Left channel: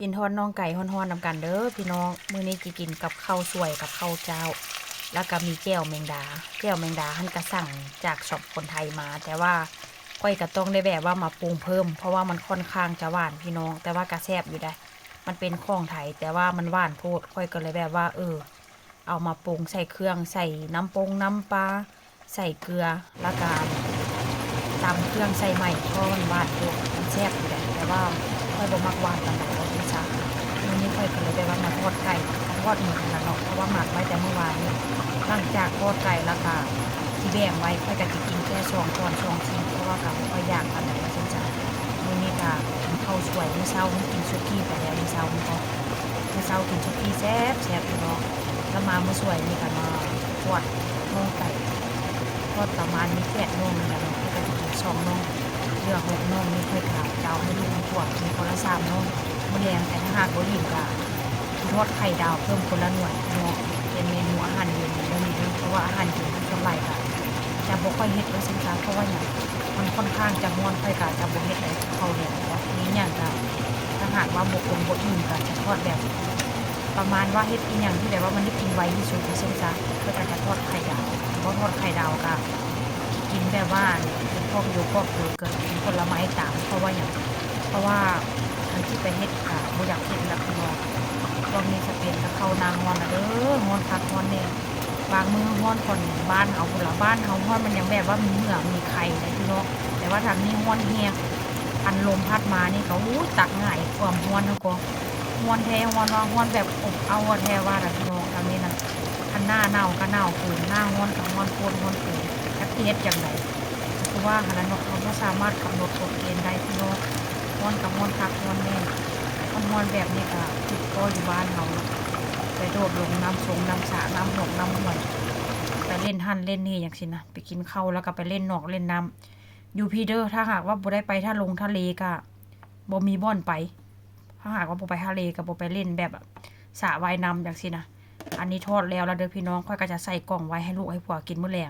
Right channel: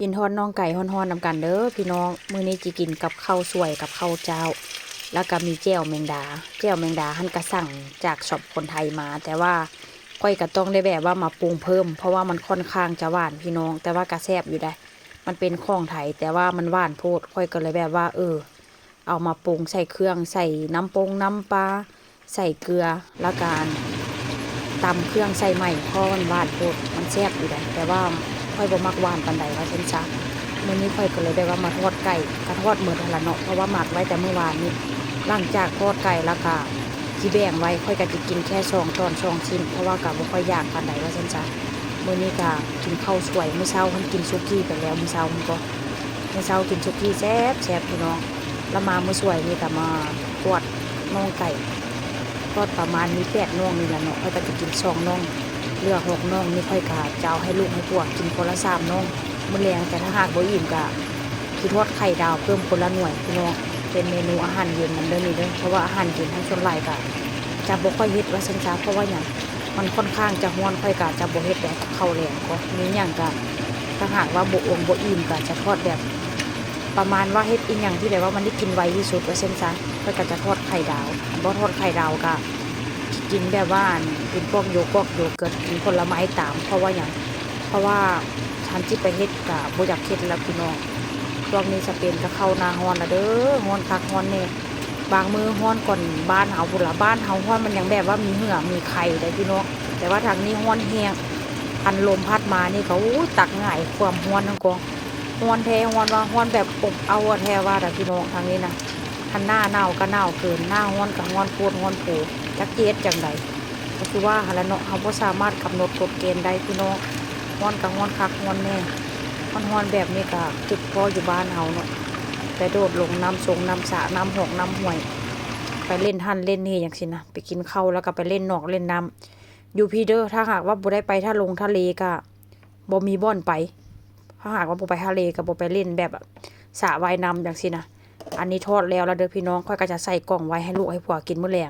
กินทอดน่องไก่ฮ้อนๆนำกันเด้อพี่น้องมื้อนี้จิกินกับข้าวสวยกับข้าวเจ้าแล้วก็มีแจ่วแมงดาหั่นกระสั่งจากช็อปคนไทยมา แต่ว่าค่อยก็ต้องได้แบบว่ามาปรุงเพิ่มเพราะว่ามันค่อนข้างจะหวานพี่น้องแต่ว่ากระแซ่บอยู่ได้มันเป็นของไทยแต่ว่ามันหวานโพดค่อยก็เลยแบบว่าเอามาปรุงใส่เครื่องใส่น้ำน้ำปลาใส่เกลือแล้วก็ตำเครื่องใส่ใหม่เพราะมันหวานโพดมันแซ่บอยู่ได้แต่ว่าค่อยบ่มักหวานปานใดว่าจังซะมื้อนี้ค่อยก็เลยได้ว่ามาทอดไก่ทอดมื้อนั่นล่ะเนาะเพราะว่าหมักไว้แต่เมื่อวานนี้หลังจากทอดไก่แล้วก็ที่แบ่งไว้ค่อยก็สิกินแค่2 ตอน2 ชิ้นเพราะว่าก็บ่ค่อยอยากปานใดว่าจังซะมื้อนี้ก็กินข้าวสวยมื้อเช้าเพิ่นกินสุกี้ไปแล้วมื้อเช้าเพิ่นก็มื้อเช้ากินสุกี้แซ่บพี่น้องแล้วมามื้อสวยนี่ก็มาทอดน่องไก่ทอดประมาณนี้8น่องนี่ล่ะเนาะค่อยก็สิกิน2น่องเหลือ6น่องนี่ค่อยก็จะเอาให้ลูกให้พวกกินคนละ3น่องมื้อแลงแต่ถ้าหากบ่อิ่มก็สิทอดไข่ดาวเพิ่มคนละหน่วยพี่น้องเป็นเมนูอาหารเย็นมันเด้อนี่เด้อเพราะว่าอาหารเย็นทั้งส่วนหลายก็จะบ่ค่อยเฮ็ดว่าซั่นซะเพราะว่าหยังมันค่อนข้างจะร้อนค่อยก็จะบ่เฮ็ดแบบข้าวแลงก็มีหยังก็ถ้าหากว่าบ่อิ่มก็จะทอดแบบประมาณว่าเฮ็ดอีหยังที่แบบว่ามันได้กินไวที่สุดว่าซั่นซะค่อยก็จะทอดไข่ดาวบ่ทอดไข่ดาวก็กินแบบว่ากินพวกโยเกิร์ตกินผลไม้ตามเพราะว่าหยังเพราะว่าทันที่ไปเฮ็ดก็บ่อยากเฮ็ดแล้วพี่น้องช่วงนี้จะเป็นจะเข้าหน้าร้อนแล้วเด้อร้อนคักร้อนแน่บางมื้อร้อนก่อนบ้านเฮาพุ่นล่ะบ้านเฮาร้อนมันยังแบบว่ามีเหงื่อมีไข่ได้พี่น้องแต่ว่าทางนี้ร้อนแฮงอันลมพัดมานี่ก็ตักง่ายความร้อนนั่นก็ร้อนแท้ร้อนว่าร้อนแบบอบเอาแท้ว่าแต่พี่น้องทางนี้นะคันหน้าหนาวก็หนาวเกินหน้าร้อนก็ร้อนโพดร้อนโผจักเฮ็ดจังไดก็คือว่าหั่นล่ะเนาะเฮาบ่สามารถกำหนดกฎเกณฑ์ได้พี่น้องร้อนก็ร้อนคักร้อนแน่ร้อนแบบนี้ก็จุดพออยู่บ้านเฮาเนาะไปโดดลงน้ำสงน้ำสระน้ำหกน้ำห้วยไปเล่นหั่นเล่นนี่อย่างสินะไปกินข้าวแล้วก็ไปเล่นนอกเล่นน้ำอยู่พี่เด้อถ้าหากว่าบ่ได้ไปถ้าลงทะเลก็บ่มีบ่อนไปถ้าหากว่าบ่ไปทะเลก็บ่ไปเล่นแบบสระว่ายน้ำอย่างสินะอันนี้ทอดแล้วเด้อพี่น้องค่อยก็จะใส่กล่องไว้ให้ลูกให้ผัวกินมื้อแลง